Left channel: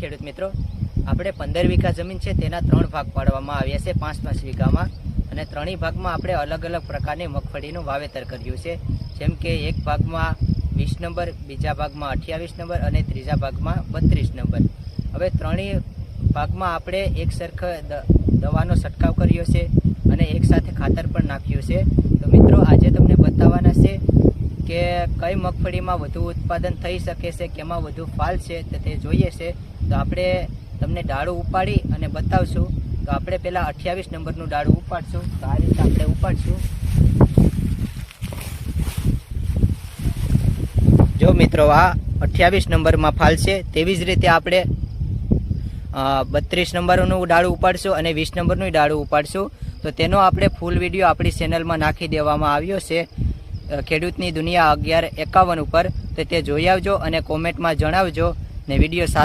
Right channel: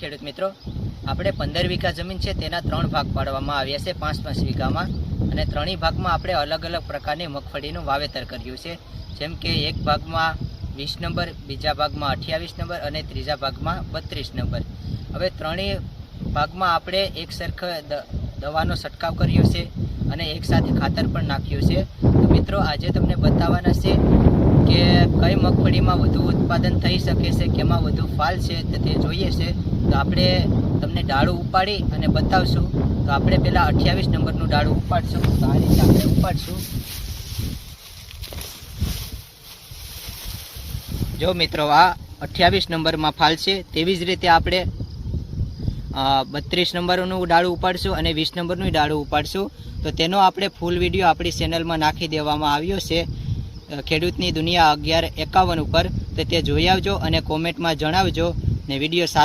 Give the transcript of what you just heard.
ખેડૂત મિત્રો. આપણે પંદર વીઘા જમીન છે, તેના ત્રણ ભાગ પાડવામાં આવ્યા છે, પાંચ પાંચ વીઘામાં. અને ત્રણેય ભાગમાં આપણે અલગ અલગ પ્રકારની મગફળીનું વાવેતર કર્યું છે. જેમ કે એક ભાગમાં વીસ નંબર, બીજા ભાગમાં અઠ્યાવીસ નંબર અને ત્રીજા ભાગમાં બત્રીસ નંબર. હવે ત્રણેય ભાગમાં આપણે એક સરખ દવાનો છંટકાવ કર્યો છે અને એકસાથે ખાતર પણ નાખ્યું છે. તો મિત્રો, આજે તમને બતાવવાના છે કે કઈ મગફળીમાં વધુ ઉત્પાદન થઈ શકે છે, કેમાં વધુ ફાલ છે, તો જોઈએ છે. તો આપણે તમને ડાળું ઉપાડી અને બતાવશું. તો આપણે પહેલાં અઠ્યાવીસ નંબરનું ડાળું ઉપાડશું. તો આ રીતે આપણે ઉપાડશું. જો મિત્રો, આ અઠ્યાવીસ નંબરમાં ફાલ છે, તેવી જ રીતે આપણે બત્રીસ નંબરનું ડાળું ઉપાડશું અને વીસ નંબરનું ડાળું ઉપાડશું. તો તેનો આપણે ફૂલ વીડિયો આપણી ચેનલમાં નાખી દેવામાં આવ્યો છે. ખેડૂતની દુનિયા અગિયાર એકાવન ઉપર, તો તે જોઈ આવજો અને કોમેન્ટમાં જણાવજો ને વીડિયો સારો